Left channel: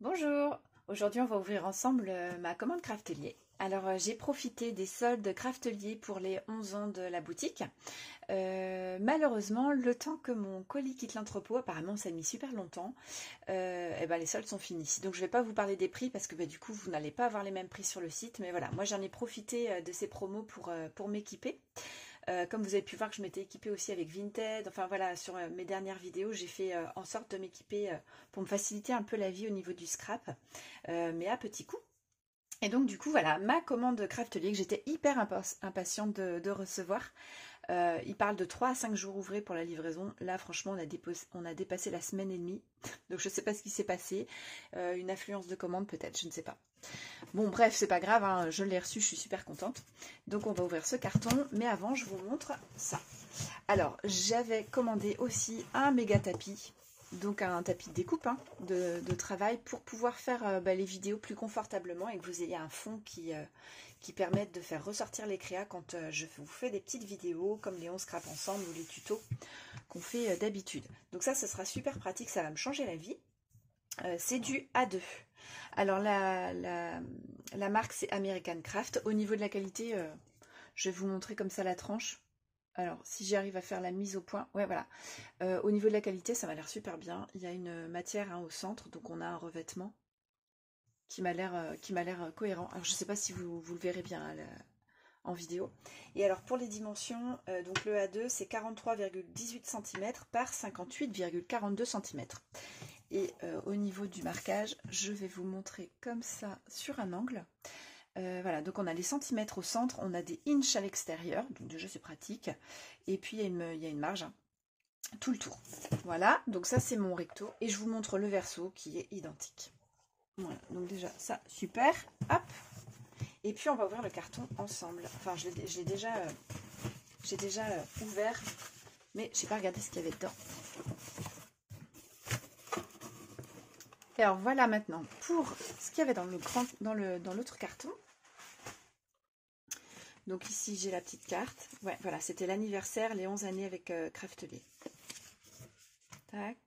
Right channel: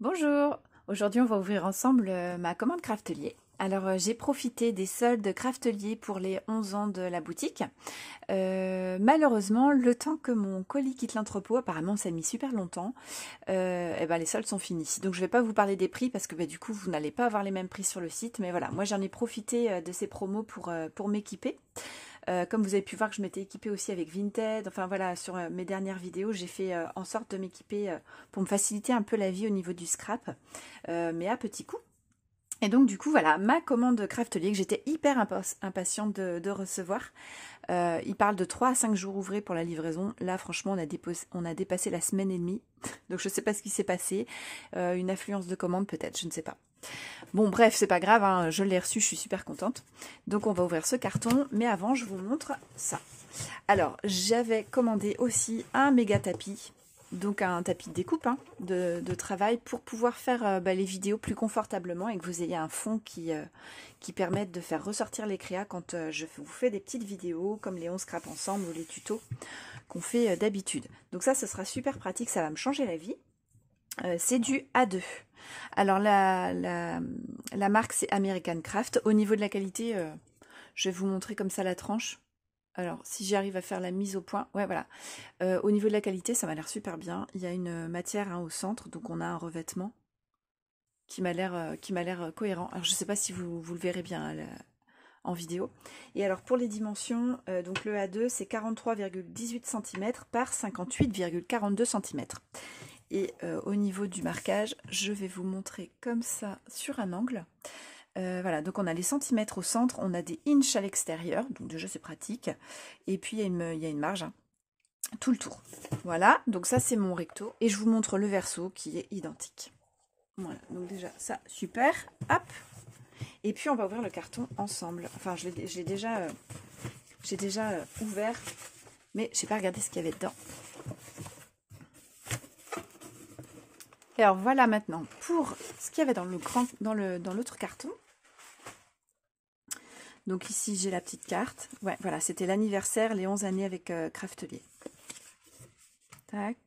Bonjour, aujourd'hui on va ouvrir ensemble ma commande Craftelier. Alors j'ai profité des soldes Craftelier pour les 11 ans de la boutique. Malheureusement, le temps que mon colis quitte l'entrepôt, apparemment ça a mis super longtemps, et ben les soldes sont finis. Donc je ne vais pas vous parler des prix parce que du coup vous n'allez pas avoir les mêmes prix sur le site. Mais voilà, moi j'en ai profité de ces promos pour m'équiper. Comme vous avez pu voir que je m'étais équipée aussi avec Vinted, enfin voilà, sur mes dernières vidéos, j'ai fait en sorte de m'équiper pour me faciliter un peu la vie au niveau du scrap, mais à petits coups. Et donc du coup voilà, ma commande Craftelier que j'étais hyper impatiente de recevoir. Il parle de 3 à 5 jours ouvrés pour la livraison. Là franchement on a dépassé la semaine et demie, donc je ne sais pas ce qui s'est passé, une affluence de commandes peut-être, je ne sais pas. Bon bref, c'est pas grave, hein, je l'ai reçu, je suis super contente. Donc on va ouvrir ce carton, mais avant je vous montre ça. Alors j'avais commandé aussi un méga tapis, donc un tapis de découpe de travail pour pouvoir faire les vidéos plus confortablement et que vous ayez un fond qui permette de faire ressortir les créas quand je vous fais des petites vidéos comme les 11 scrap ensemble ou les tutos qu'on fait d'habitude. Donc ça, ce sera super pratique, ça va me changer la vie. C'est du A2. Alors la marque c'est American Craft. Au niveau de la qualité, je vais vous montrer comme ça la tranche. Alors si j'arrive à faire la mise au point, ouais voilà. Au niveau de la qualité, ça m'a l'air super bien. Il y a une matière au centre, donc on a un revêtement qui m'a l'air cohérent. Alors je ne sais pas si vous le verrez bien en vidéo. Et alors pour les dimensions, donc le A2 c'est 43,18 cm par 58,42 cm. Et au niveau du marquage, je vais vous montrer comme ça sur un angle. Voilà, donc on a les centimètres au centre, on a des inches à l'extérieur, donc déjà c'est pratique. Et puis il y a une marge, tout le tour. Voilà, donc ça c'est mon recto. Et je vous montre le verso qui est identique. Voilà, donc déjà ça, super. Hop. Et puis on va ouvrir le carton ensemble. Enfin, j'ai déjà ouvert, mais je n'ai pas regardé ce qu'il y avait dedans. Et alors voilà maintenant pour ce qu'il y avait dans l'autre carton. Donc ici j'ai la petite carte. Ouais, voilà, c'était l'anniversaire, les 11 années avec Craftelier. Tac.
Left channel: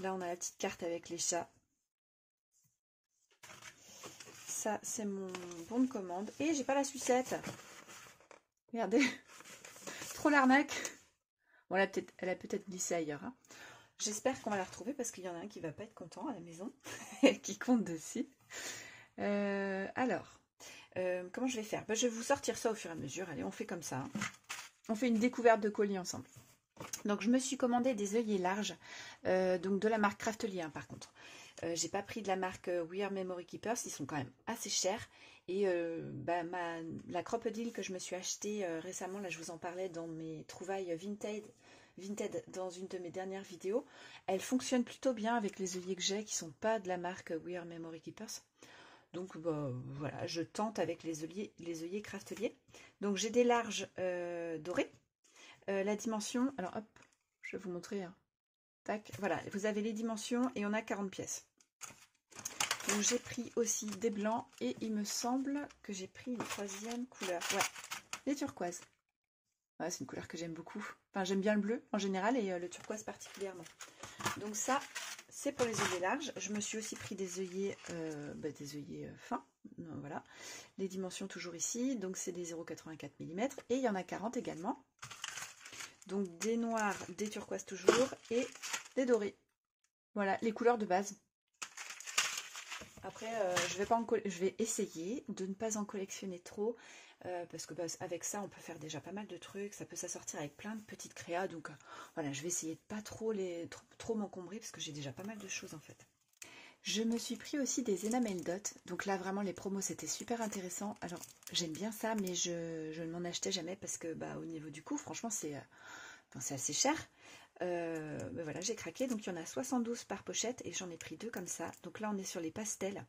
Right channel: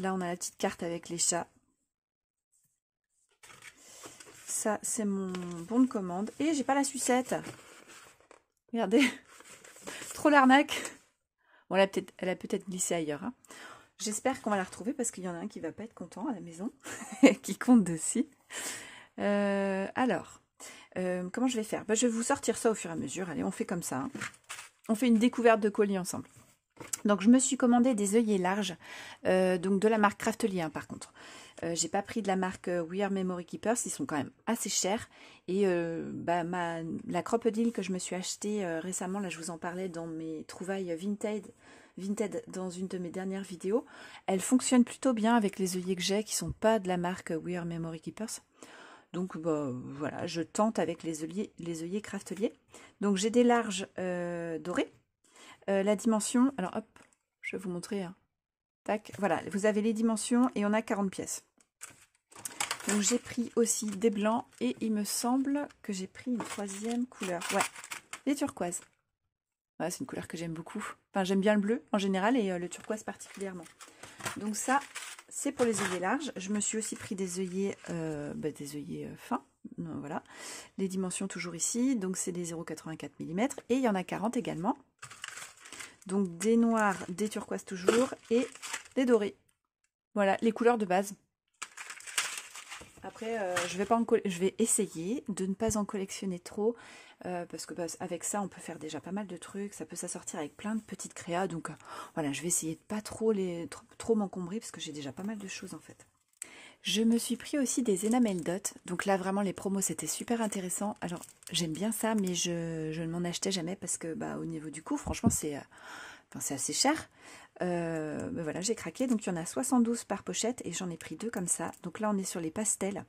Là on a la petite carte avec les chats. Ça c'est mon bon de commande. Et j'ai pas la sucette. Regardez. Trop l'arnaque. Bon, elle a peut-être glissé ailleurs. Hein. J'espère qu'on va la retrouver parce qu'il y en a un qui va pas être content à la maison. qui compte dessus. Alors. Comment je vais faire? Je vais vous sortir ça au fur et à mesure. Allez, on fait comme ça. Hein. On fait une découverte de colis ensemble. Donc, je me suis commandé des œillets larges, donc de la marque Craftelier, par contre. J'ai pas pris de la marque We Are Memory Keepers, ils sont quand même assez chers. Et la crocodile que je me suis achetée récemment, là je vous en parlais dans mes trouvailles Vinted dans une de mes dernières vidéos, elle fonctionne plutôt bien avec les œillets que j'ai qui sont pas de la marque We Are Memory Keepers. Donc voilà, je tente avec les œillets Craftelier. Donc j'ai des larges dorés. La dimension, alors hop, je vais vous montrer. Hein. Tac, voilà, vous avez les dimensions et on a 40 pièces. Donc j'ai pris aussi des blancs et il me semble que j'ai pris une troisième couleur. Ouais, les turquoises. Ouais, c'est une couleur que j'aime beaucoup. Enfin, j'aime bien le bleu en général et le turquoise particulièrement. Donc ça, c'est pour les œillets larges. Je me suis aussi pris des œillets fins. Voilà. Les dimensions toujours ici. Donc c'est des 0,84 mm. Et il y en a 40 également. Donc des noirs, des turquoises toujours et des dorés. Voilà, les couleurs de base. Après, je vais essayer de ne pas en collectionner trop. Parce que avec ça on peut faire déjà pas mal de trucs, ça peut s'assortir avec plein de petites créas, donc voilà, je vais essayer de pas trop m'encombrer parce que j'ai déjà pas mal de choses en fait. Je me suis pris aussi des enamel dot, donc là vraiment les promos c'était super intéressant. Alors j'aime bien ça, mais je ne m'en achetais jamais parce que au niveau du coût franchement c'est assez cher. Voilà, j'ai craqué, donc il y en a 72 par pochette et j'en ai pris 2 comme ça. Donc là on est sur les pastels,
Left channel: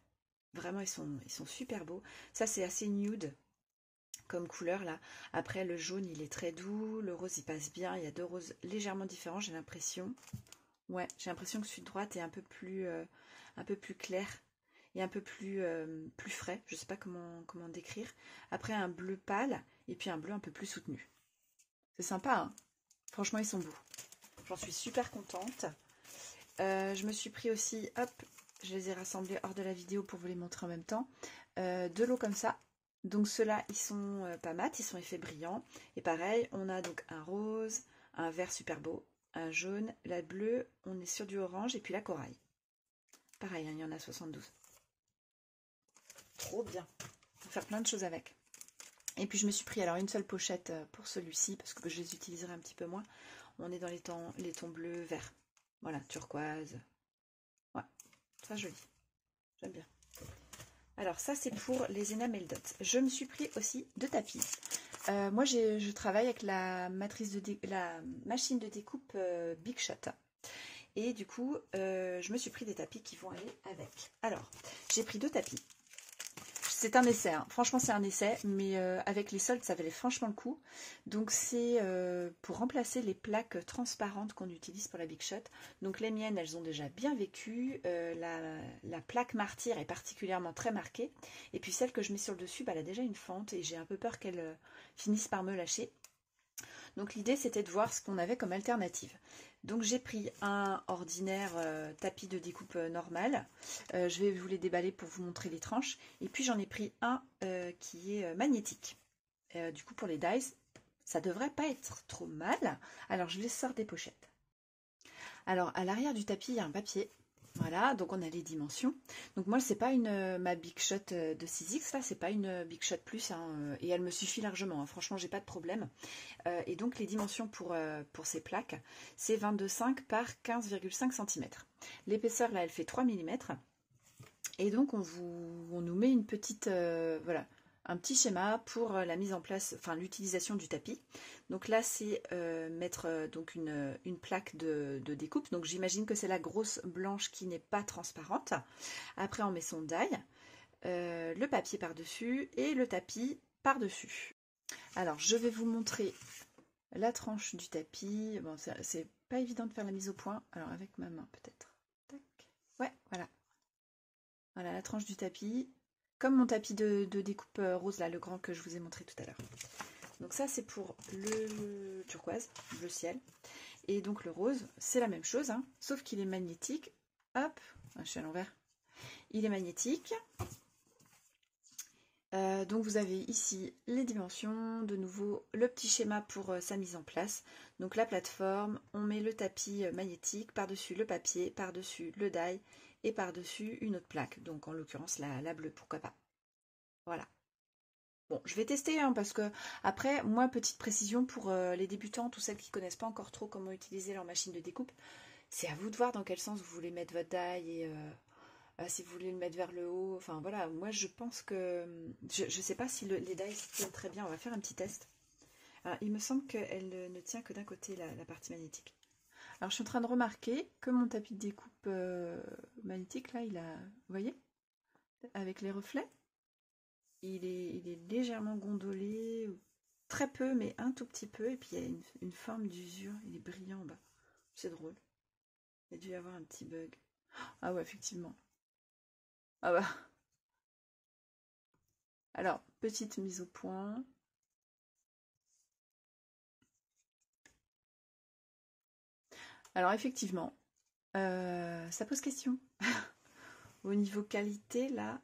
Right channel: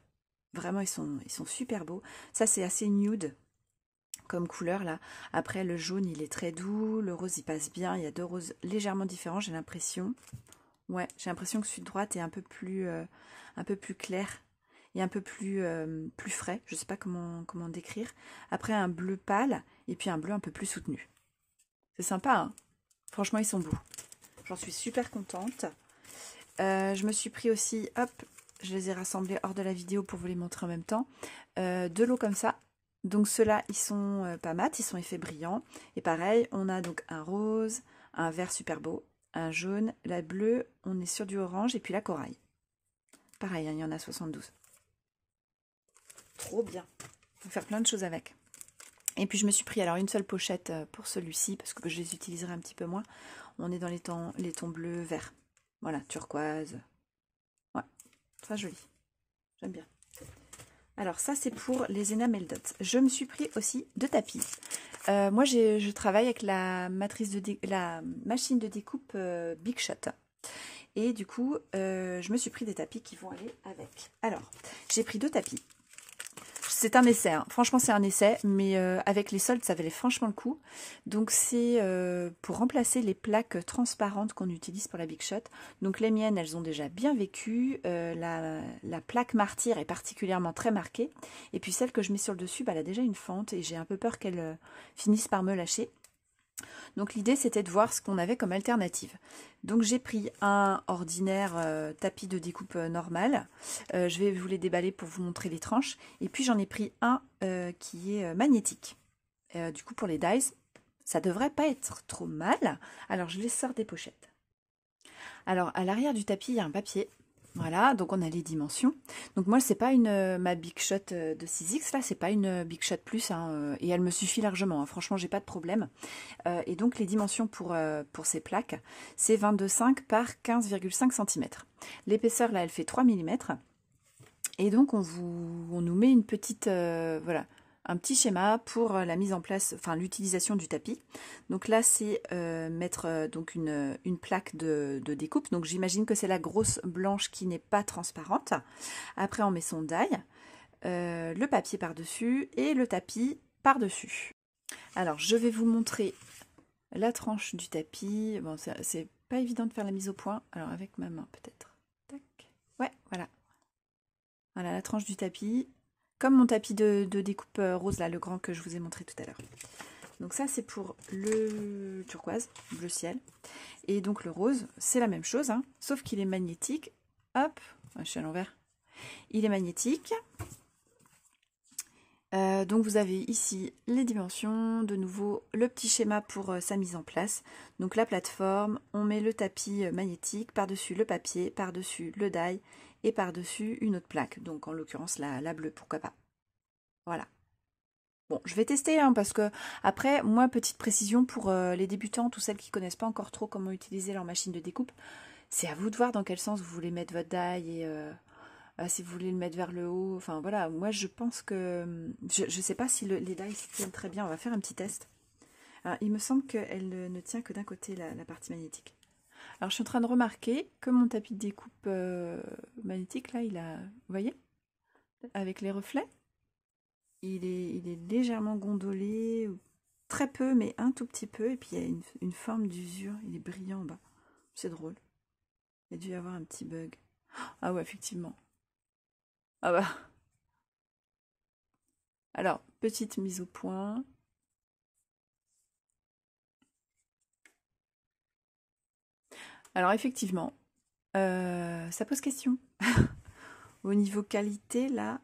vraiment ils sont super beaux. Ça c'est assez nude comme couleur là. Après le jaune il est très doux, le rose il passe bien, il y a 2 roses légèrement différents, j'ai l'impression. Ouais, j'ai l'impression que celui de droite est un peu plus clair et un peu plus frais. Je sais pas comment décrire. Après un bleu pâle et puis un bleu un peu plus soutenu. C'est sympa, hein. Franchement ils sont beaux. J'en suis super contente. Je me suis pris aussi, hop, je les ai rassemblés hors de la vidéo pour vous les montrer en même temps. De l'eau comme ça. Donc ceux-là, ils sont pas mat, ils sont effets brillants. Et pareil, on a donc un rose, un vert super beau, un jaune, la bleue, on est sur du orange, et puis la corail. Pareil, hein, il y en a 72. Trop bien. On peut faire plein de choses avec. Et puis je me suis pris alors une seule pochette pour celui-ci, parce que je les utiliserai un petit peu moins. On est dans les tons bleus, verts. Voilà, turquoise. Ouais, très joli. J'aime bien. Alors ça c'est pour les enamel dots. Je me suis pris aussi 2 tapis. Moi je travaille avec la machine de découpe Big Shot. Et du coup je me suis pris des tapis qui vont aller avec. Alors j'ai pris 2 tapis. C'est un essai, hein. Franchement c'est un essai, mais avec les soldes ça valait franchement le coup. Donc c'est pour remplacer les plaques transparentes qu'on utilise pour la Big Shot. Donc les miennes elles ont déjà bien vécu, la plaque martyre est particulièrement très marquée. Et puis celle que je mets sur le dessus, bah, elle a déjà une fente et j'ai un peu peur qu'elle finisse par me lâcher. Donc l'idée c'était de voir ce qu'on avait comme alternative. Donc j'ai pris un ordinaire tapis de découpe normal. Je vais vous les déballer pour vous montrer les tranches. Et puis j'en ai pris un qui est magnétique. Du coup pour les dies, ça devrait pas être trop mal. Alors je les sors des pochettes. Alors à l'arrière du tapis il y a un papier. Voilà, donc on a les dimensions. Donc moi c'est pas ma Big Shot de 6X, là c'est pas une Big Shot Plus, hein, et elle me suffit largement, hein. Franchement j'ai pas de problème. Et donc les dimensions pour ces plaques, c'est 22,5 par 15,5 cm. L'épaisseur là elle fait 3 mm. Et donc on nous met une petite, voilà, un petit schéma pour la mise en place, enfin l'utilisation du tapis. Donc là c'est mettre donc une plaque de découpe. Donc j'imagine que c'est la grosse blanche qui n'est pas transparente. Après on met son die, le papier par-dessus et le tapis par-dessus. Alors je vais vous montrer la tranche du tapis. Bon c'est pas évident de faire la mise au point. Alors avec ma main peut-être. Tac. Ouais, voilà. Voilà la tranche du tapis. Comme mon tapis de découpe rose, là, le grand que je vous ai montré tout à l'heure. Donc ça, c'est pour le turquoise, bleu ciel. Et donc le rose, c'est la même chose, hein, sauf qu'il est magnétique. Hop, je suis à l'envers. Il est magnétique. Donc vous avez ici les dimensions, de nouveau le petit schéma pour sa mise en place. Donc la plateforme, on met le tapis magnétique, par-dessus le papier, par-dessus le die et par-dessus une autre plaque. Donc en l'occurrence la bleue, pourquoi pas. Voilà. Bon, je vais tester, hein, parce que après, moi, petite précision pour les débutants, tous celles qui ne connaissent pas encore trop comment utiliser leur machine de découpe, c'est à vous de voir dans quel sens vous voulez mettre votre die et si vous voulez le mettre vers le haut. Enfin voilà, moi je pense que je ne sais pas si les die s'y tiennent très bien. On va faire un petit test. Alors, il me semble qu'elle ne tient que d'un côté la partie magnétique. Alors je suis en train de remarquer que mon tapis de découpe magnétique là, il a, vous voyez, avec les reflets. Il est légèrement gondolé, très peu, mais un tout petit peu. Et puis il y a une forme d'usure. Il est brillant en bas. C'est drôle. Il y a dû y avoir un petit bug. Ah ouais, effectivement. Ah bah. Alors, petite mise au point. Alors effectivement, ça pose question. Au niveau qualité, là,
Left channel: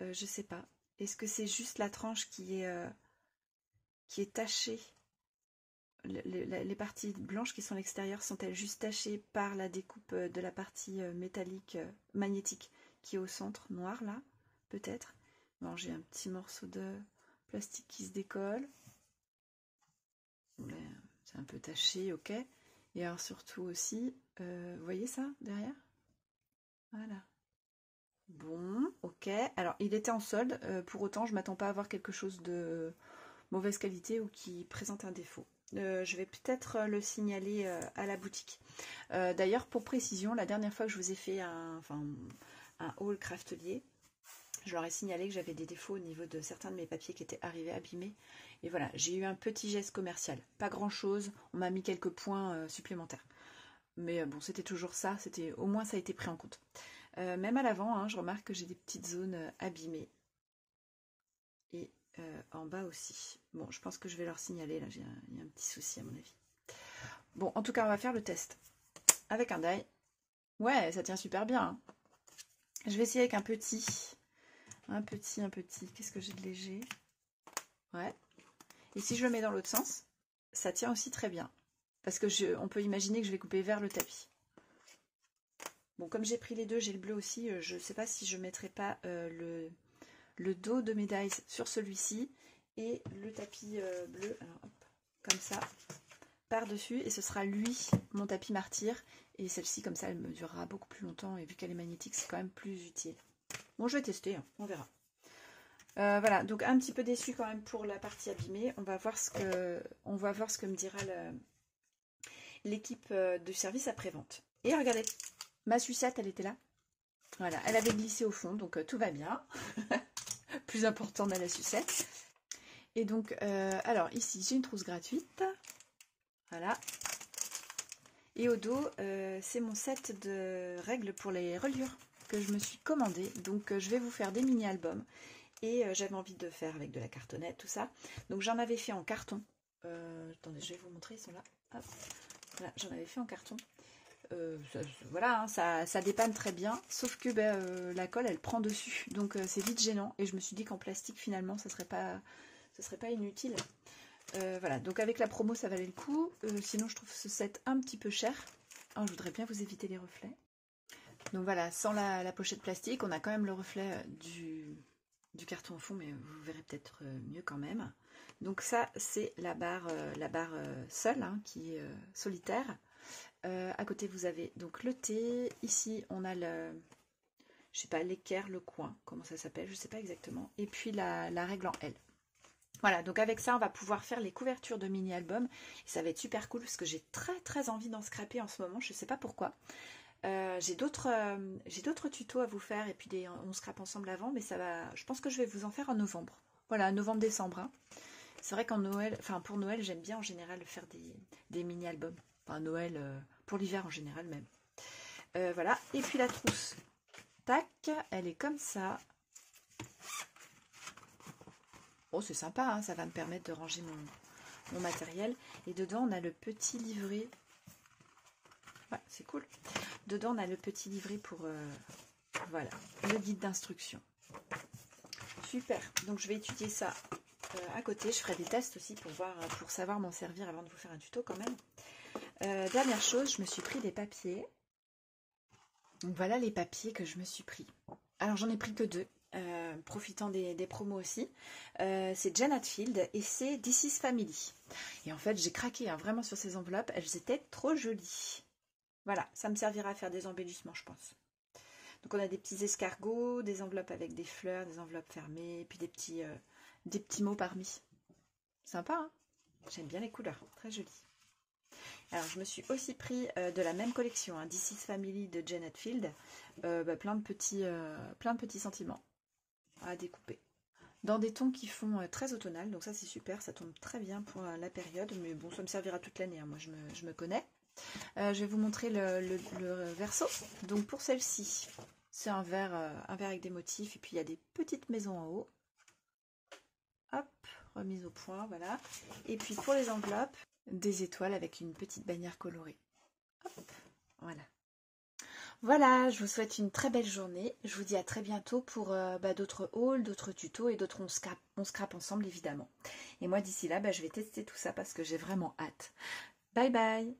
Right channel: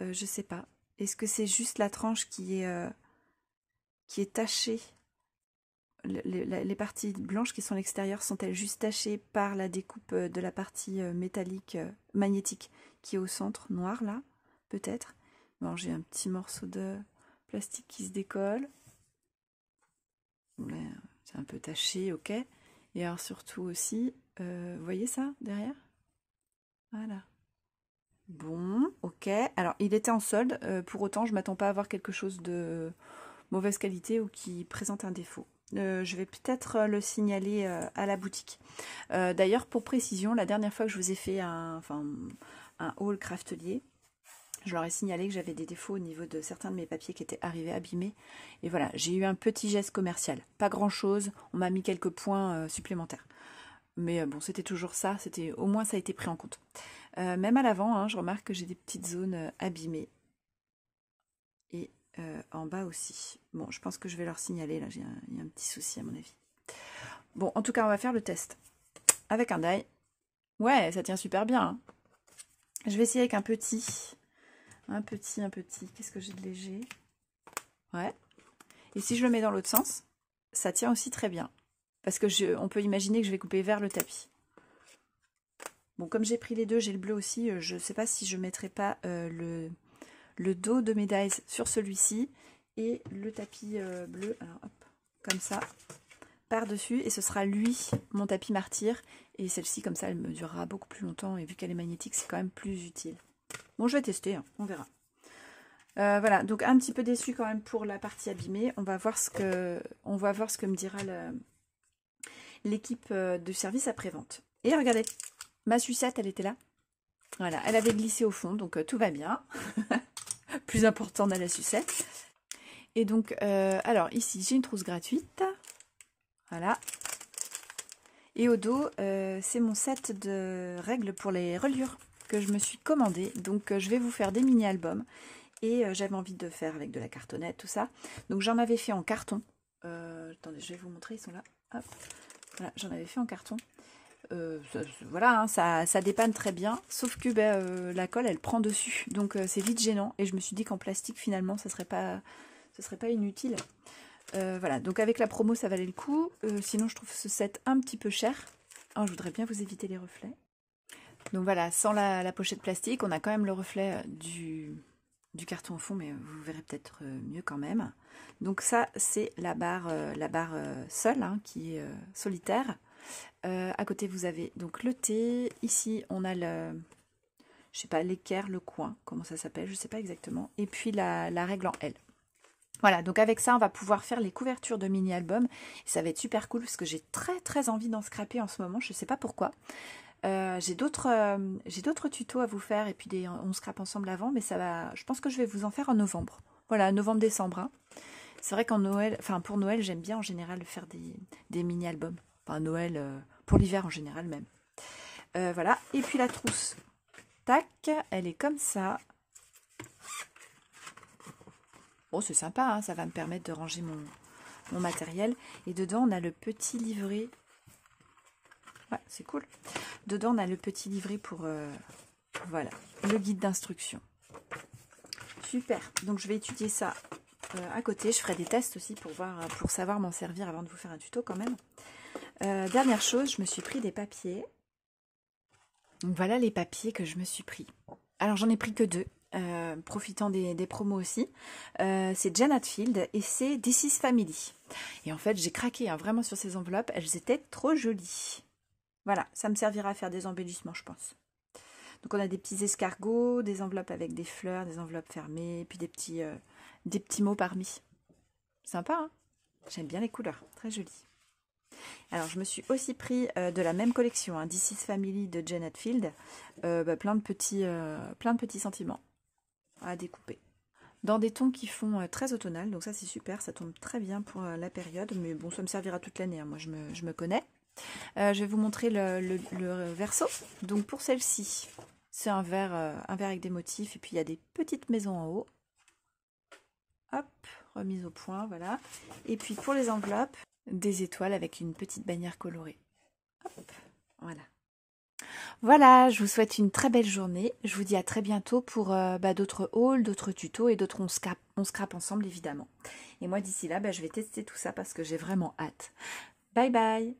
je sais pas. Est-ce que c'est juste la tranche qui est tachée? Les parties blanches qui sont à l'extérieur sont-elles juste tachées par la découpe de la partie métallique, magnétique qui est au centre, noir là, peut-être? Bon, j'ai un petit morceau de plastique qui se décolle. C'est un peu taché, ok. Et alors surtout aussi, vous voyez ça derrière? Voilà. Bon, ok. Alors, il était en solde. Pour autant, je m'attends pas à avoir quelque chose de mauvaise qualité ou qui présente un défaut. Je vais peut-être le signaler à la boutique. D'ailleurs, pour précision, la dernière fois que je vous ai fait un haul craftelier, je leur ai signalé que j'avais des défauts au niveau de certains de mes papiers qui étaient arrivés abîmés. Et voilà, j'ai eu un petit geste commercial. Pas grand-chose, on m'a mis quelques points supplémentaires. Mais bon, c'était toujours ça, au moins ça a été pris en compte. Même à l'avant, hein, je remarque que j'ai des petites zones abîmées. Et en bas aussi. Bon, je pense que je vais leur signaler, là, il y a un petit souci à mon avis. Bon, en tout cas, on va faire le test. Avec un die. Ouais, ça tient super bien. Hein. Je vais essayer avec un petit. Un petit. Qu'est-ce que j'ai de léger? Ouais. Et si je le mets dans l'autre sens, ça tient aussi très bien. Parce que on peut imaginer que je vais couper vers le tapis. Bon, comme j'ai pris les deux, j'ai le bleu aussi, je ne sais pas si je ne mettrai pas le dos de mes dies sur celui-ci et le tapis bleu, alors hop, comme ça, par-dessus. Et ce sera lui, mon tapis martyr. Et celle-ci, comme ça, elle me durera beaucoup plus longtemps. Et vu qu'elle est magnétique, c'est quand même plus utile. Bon, je vais tester, hein, on verra. Voilà, donc un petit peu déçu quand même pour la partie abîmée. On va voir ce que me dira l'équipe de service après-vente. Et regardez, ma sucette, elle était là. Voilà, elle avait glissé au fond, donc tout va bien. Plus important dans la sucette. Et donc, alors ici, j'ai une trousse gratuite. Voilà. Et au dos, c'est mon set de règles pour les reliures que je me suis commandé. Donc, je vais vous faire des mini-albums. Et j'avais envie de faire avec de la cartonnette, tout ça. Donc, j'en avais fait en carton. Attendez, je vais vous montrer, ils sont là. Hop. Voilà, j'en avais fait en carton. Voilà, hein, ça dépanne très bien. Sauf que la colle, elle prend dessus. Donc, c'est vite gênant. Et je me suis dit qu'en plastique, finalement, ce serait pas inutile. Voilà, donc avec la promo, ça valait le coup. Sinon, je trouve ce set un petit peu cher. Oh, je voudrais bien vous éviter les reflets. Donc voilà, sans la pochette plastique, on a quand même le reflet du carton au fond, mais vous verrez peut-être mieux quand même. Donc ça, c'est la barre seule, hein, qui est solitaire. À côté, vous avez donc le thé. Ici, on a je sais pas, l'équerre, le coin, comment ça s'appelle, je sais pas exactement. Et puis la règle en L. Voilà, donc avec ça, on va pouvoir faire les couvertures de mini-albums. Ça va être super cool parce que j'ai très envie d'en scraper en ce moment. Je ne sais pas pourquoi. J'ai d'autres tutos à vous faire et puis on scrape ensemble avant. Mais ça va. Je pense que je vais vous en faire en novembre. Voilà, novembre-décembre. Hein. C'est vrai qu'en Noël, enfin pour Noël, j'aime bien en général faire des mini-albums. Enfin Noël, pour l'hiver en général même. Voilà, et puis la trousse. Tac, elle est comme ça. Oh, c'est sympa, hein, ça va me permettre de ranger mon matériel. Et dedans, on a le petit livret. Ouais, c'est cool. Dedans, on a le petit livret pour voilà, le guide d'instruction. Super. Donc, je vais étudier ça à côté. Je ferai des tests aussi pour savoir m'en servir avant de vous faire un tuto quand même. Dernière chose, je me suis pris des papiers. Donc, voilà les papiers que je me suis pris. Alors, j'en ai pris que 2. Profitant des promos aussi. C'est Jen Hatfield et c'est This is Family. Et en fait, j'ai craqué hein, vraiment sur ces enveloppes. Elles étaient trop jolies. Voilà, ça me servira à faire des embellissements, je pense. Donc, on a des petits escargots, des enveloppes avec des fleurs, des enveloppes fermées, puis des petits mots parmi. Sympa, hein? J'aime bien les couleurs, très jolies. Alors, je me suis aussi pris de la même collection, hein, This is Family de Jen Hatfield. Plein de petits sentiments à découper. Dans des tons qui font très automnal, donc ça c'est super, ça tombe très bien pour la période, mais bon, ça me servira toute l'année, hein, moi je me connais. Je vais vous montrer le verso. Donc pour celle-ci, c'est un verre avec des motifs, et puis il y a des petites maisons en haut. Hop, remise au point, voilà. Et puis pour les enveloppes, des étoiles avec une petite bannière colorée. Hop, voilà. Voilà, je vous souhaite une très belle journée. Je vous dis à très bientôt pour d'autres hauls, d'autres tutos et d'autres on scrape ensemble évidemment. Et moi d'ici là, je vais tester tout ça parce que j'ai vraiment hâte. Bye bye!